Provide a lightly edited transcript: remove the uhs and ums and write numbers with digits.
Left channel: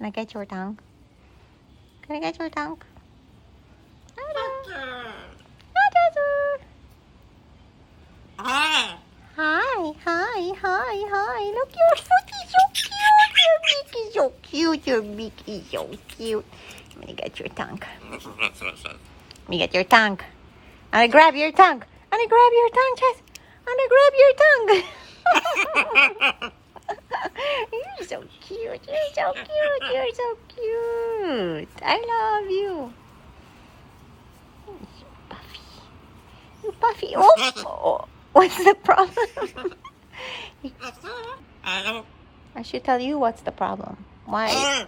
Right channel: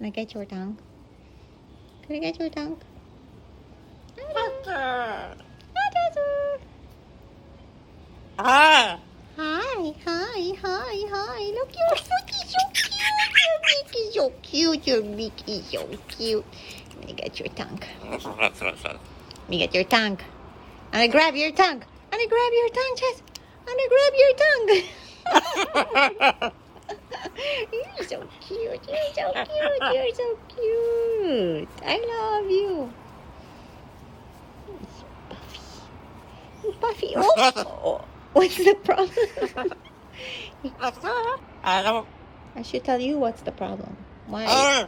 Can I get your tongue? Can I get your tongue? Ah. Hi, hi, hi, hi. Look, you're Mickey, so cute. You're Mickey, so cute. Let me get your tongue. Let me get your tongue. I'm gonna grab your tongue. I'm gonna grab your tongue, Chess. I'm gonna grab your tongue. You're so cute. You're so cute. You're so cute. I love you. You're Buffy. Oh, what's the problem? I should tell you what's the problem. Why? Oh!